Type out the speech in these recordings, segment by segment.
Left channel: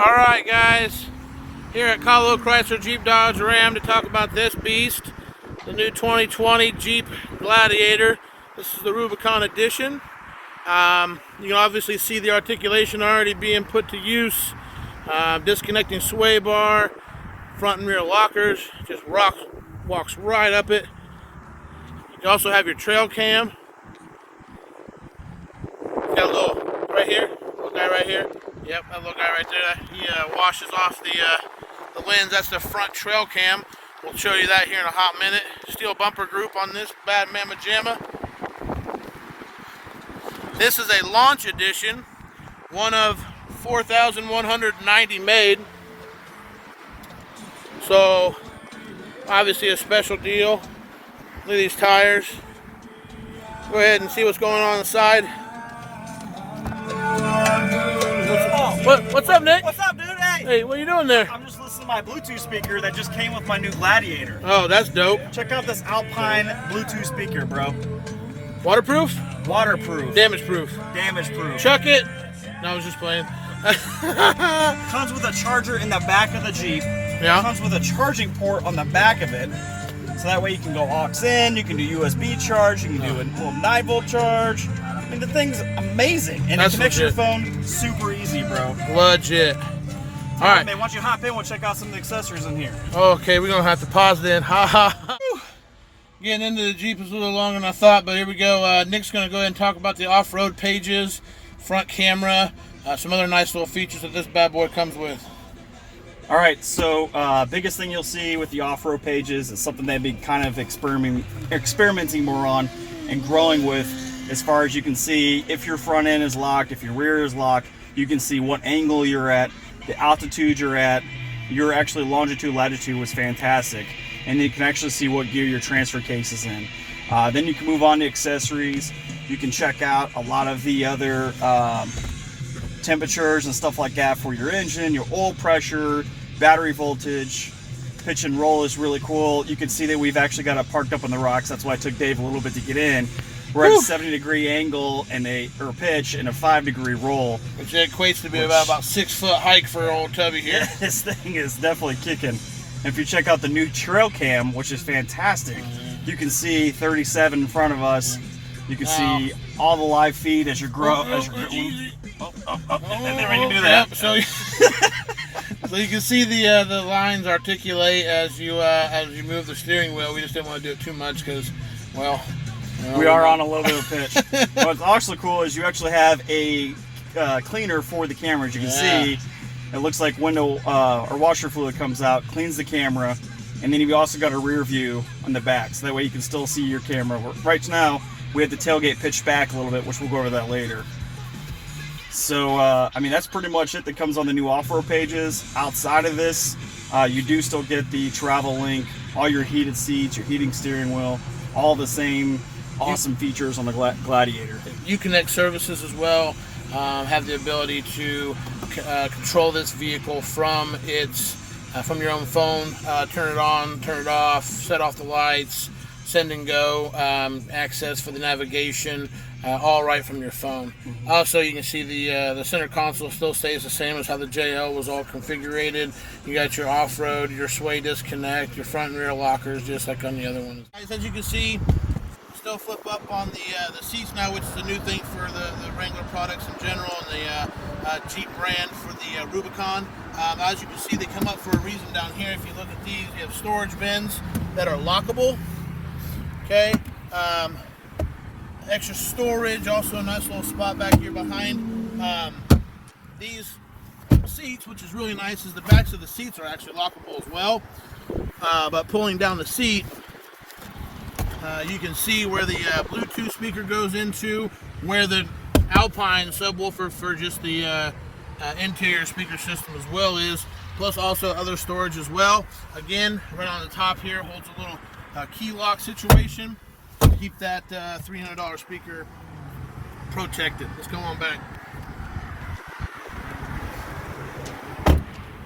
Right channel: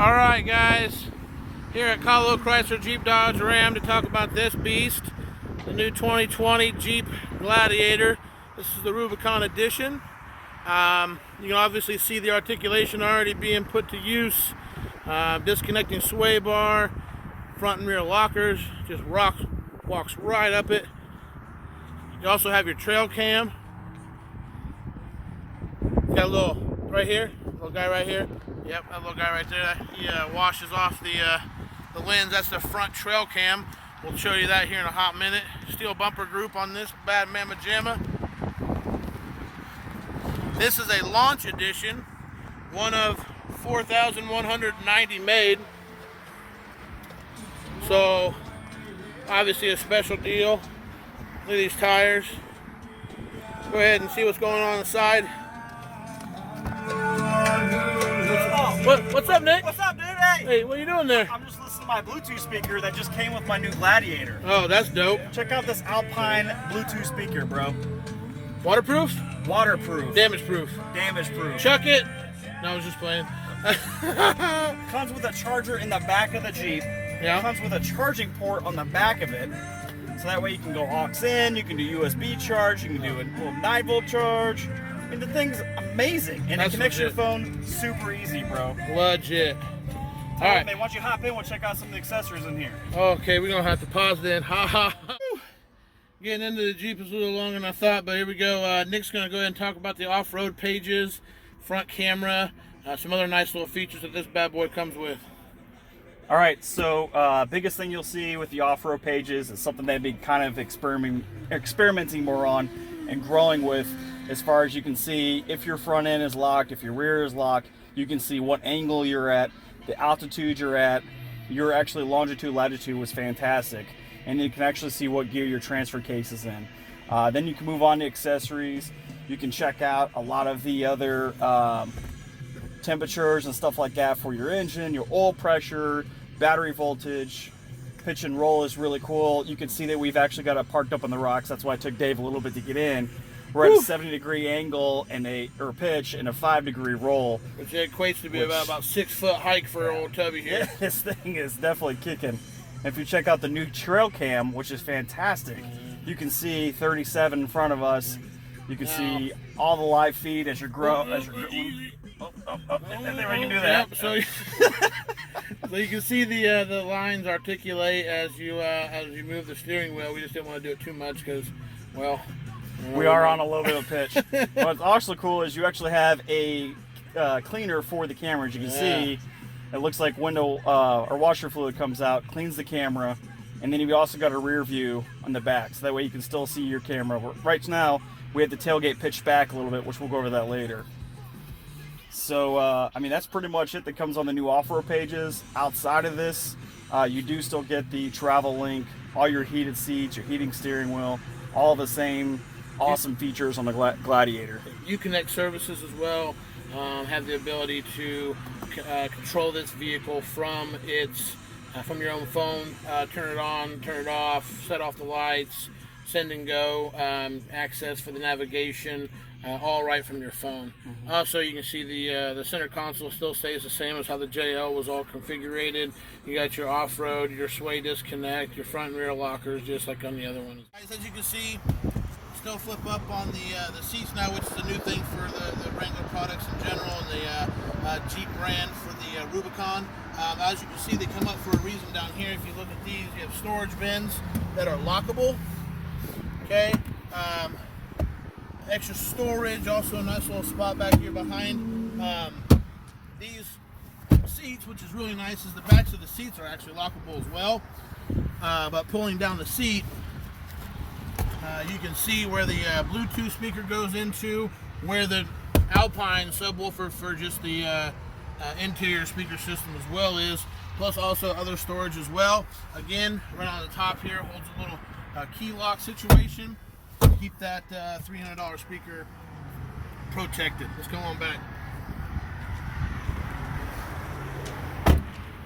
All right, guys, here at Kahlo Chrysler Jeep Dodge Ram to talk about this beast, the new 2020 Jeep Gladiator. This is the Rubicon Edition. You can obviously see the articulation already being put to use. Disconnecting sway bar, front and rear lockers, just walks right up it. You also have your trail cam. Got a little right here, little guy right here. Yep, that little guy right there. He washes off the lens. That's the front trail cam. We'll show you that here in a hot minute. Steel bumper group on this bad mamma jamma. This is a launch edition, one of 4,190 made. So obviously a special deal. Look at these tires. Go ahead and see what's going on the side. What's up, Nick? What's up, dude? Hey, what are you doing there? I'm just listening to my Bluetooth speaker that just came with my new Gladiator. Oh, that's dope. Check out this Alpine Bluetooth speaker, bro. Waterproof? Waterproof. Damage proof. Damage proof. Chuck it. No, I was just playing. Comes with a charger in the back of the Jeep. Yeah. Comes with a charging port on the back of it. So that way you can go aux in, you can do USB charge, you can do a little 9-volt charge. I mean, the thing's amazing. And it connects to your phone super easy, bro. Legit. All right. Man, why don't you hop in, we'll check out some of the accessories in here. Okay, we're going to have to pause then. Ha ha. Getting into the Jeep is a little longer than I thought, but here we go. Nick's going to go ahead and talk about the off-road pages, front camera, some other nice little features that this bad boy comes with. All right, so biggest thing you'll see with the off-road pages is something they've been kind of experimenting more on and growing with. As far as you can see, if your front end is locked, if your rear is locked, you can see what angle you're at, the altitude you're at. Your actually longitude, latitude was fantastic. And then you can actually see what gear your transfer case is in. Then you can move on to accessories. You can check out a lot of the other temperatures and stuff like that for your engine, your oil pressure, battery voltage. Pitch and roll is really cool. You can see that we've actually got it parked up on the rocks. That's why it took Dave a little bit to get in. We're at a 70-degree angle and or pitch and a 5-degree roll, which equates to be about 6-foot hike for old Tubby here. This thing is definitely kicking. If you check out the new trail cam, which is fantastic, you can see 37 in front of us. You can see all the live feed as you're growing. And then when you do that, so you can see the lines articulate as you move the steering wheel. We just didn't want to do it too much because, well, we are on a little bit of pitch. What's also cool is you actually have a cleaner for the cameras. You can see it looks like window or washer fluid comes out, cleans the camera, and then you've also got a rear view on the back, so that way you can still see your camera. Right now, we have the tailgate pitched back a little bit, which we'll go over that later. So, I mean, that's pretty much it that comes on the new off-road pages. Outside of this, you do still get the travel link, all your heated seats, your heating steering wheel, all the same awesome features on the Gladiator. Uconnect services as well. Have the ability to control this vehicle from your own phone. Turn it on, turn it off, set off the lights, send and go, access for the navigation, all right from your phone. Also, you can see the center console still stays the same as how the JL was all configured. You got your off-road, your sway disconnect, your front and rear lockers, just like on the other one. As you can see, still flip up on the seats now, which is a new thing for the Wrangler products in general and the Jeep brand for the Rubicon. As you can see, they come up for a reason down here. If you look at these, you have storage bins that are lockable. Okay, extra storage, also a nice little spot back here behind. These seats, which is really nice, is the backs of the seats are actually lockable as well. But pulling down the seat, you can see where the Bluetooth speaker goes into, where the Alpine subwoofer for just the interior speaker system as well is, plus also other storage as well. Again, right on the top here holds a little key lock situation to keep that $300 speaker protected. Let's go on back.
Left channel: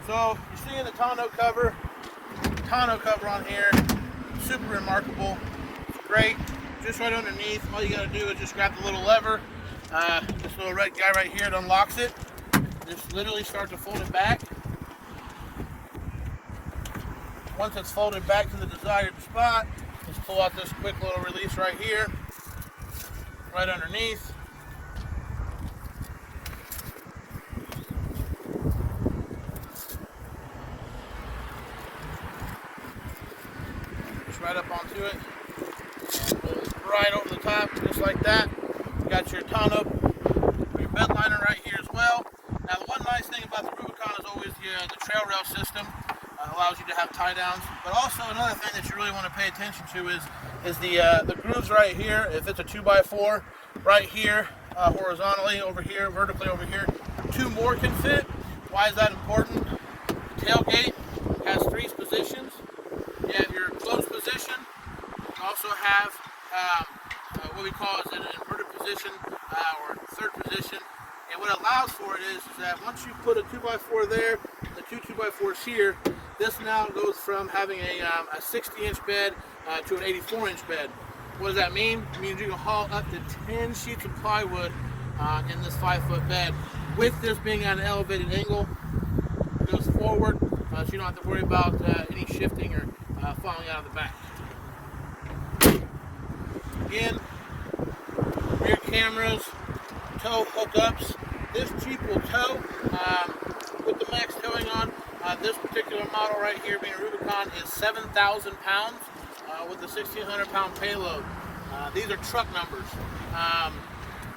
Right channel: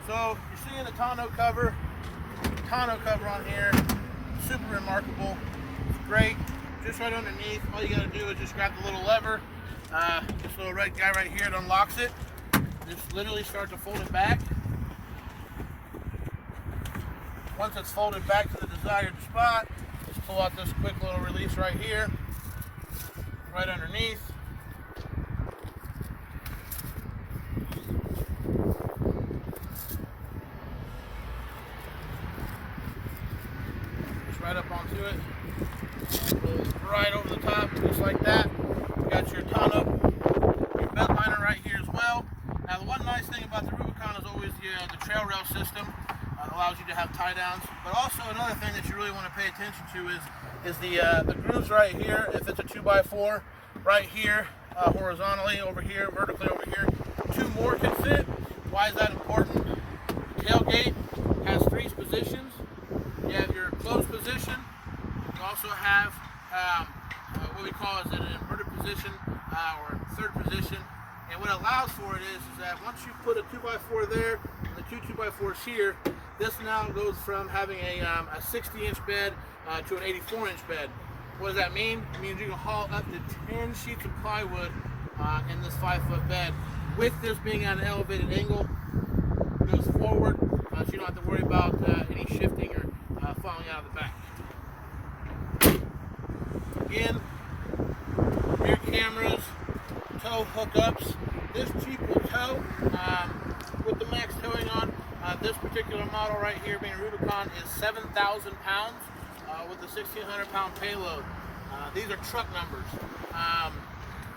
So you're seeing the tonneau cover on here, super remarkable. Great, just right underneath. All you got to do is just grab the little lever. This little red guy right here, it unlocks it. just literally start to fold it back. Once it's folded back to the desired spot, just pull out this quick little release right here, right underneath. Just right up onto it. Right over the top, just like that. You got your Tonneau, your bed liner right here as well. Now the one nice thing about the Rubicon is always the trail rail system. Allows you to have tie downs, but also another thing that you really want to pay attention to is the grooves right here. If it's a 2x4, right here horizontally over here, vertically over here, 2 more can fit. Why is that important? The tailgate has 3 positions. You have your closed position. You also have what we call is an inverted position or third position. And what it allows for it is that once you put a 2x4 there, the 2 2x4s here, this now goes from having a 60-inch bed to an 84-inch bed. What does that mean? It means you can haul up to 10 sheets of plywood in this 5-foot bed. With this being at an elevated angle, it goes forward, so you don't have to worry about any shifting or falling out of the back. Again, rear cameras, tow hookups. This Jeep will tow with the max towing on. This particular model right here, being a Rubicon, is 7,000 pounds with a 1,600-pound payload. These are truck numbers.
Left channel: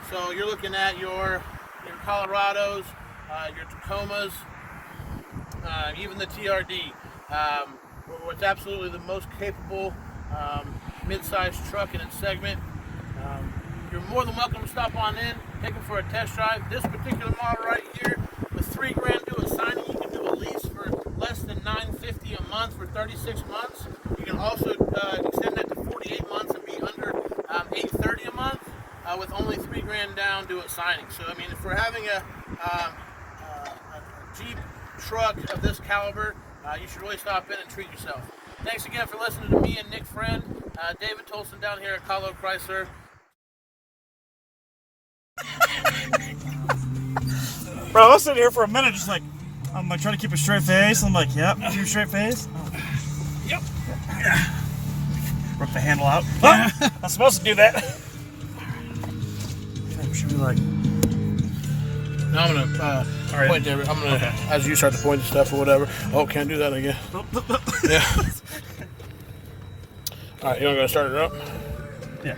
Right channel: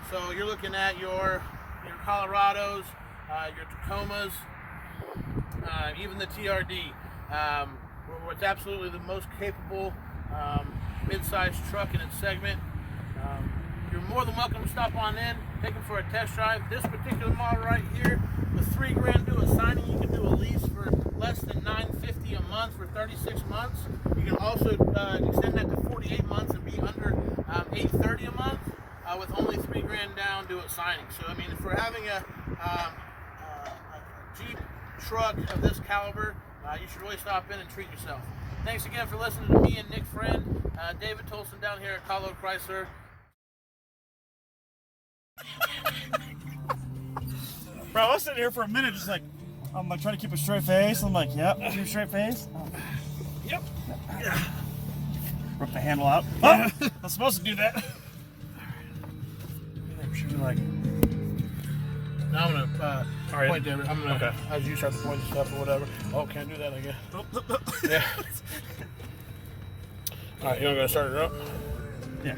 So you're looking at your Colorados, your Tacomas, even the TRD. What's absolutely the most capable mid-sized truck in its segment. You're more than welcome to stop on in, take it for a test drive. This particular model right here, with $3 grand due a signing, you can do a lease for less than $950 a month for 36 months. You can also extend that to 48 months and be under $830 a month with only $3 grand down due at signing. So I mean, if we're having a Jeep truck of this caliber, you should really stop in and treat yourself. Thanks again for listening to me and Nick Friend, David Tolson down here at Kahlo Chrysler. Bro, I was sitting here for a minute just like, I'm trying to keep a straight face. I'm like, yep, keep a straight face. Yep. Rip the handle out. Oh, I'm supposed to do that. Should be like. Now I'm gonna point to I'm gonna as you start to point to stuff or whatever. Oh, can't do that again. Yeah. All right, you wanna go start it up? Yeah.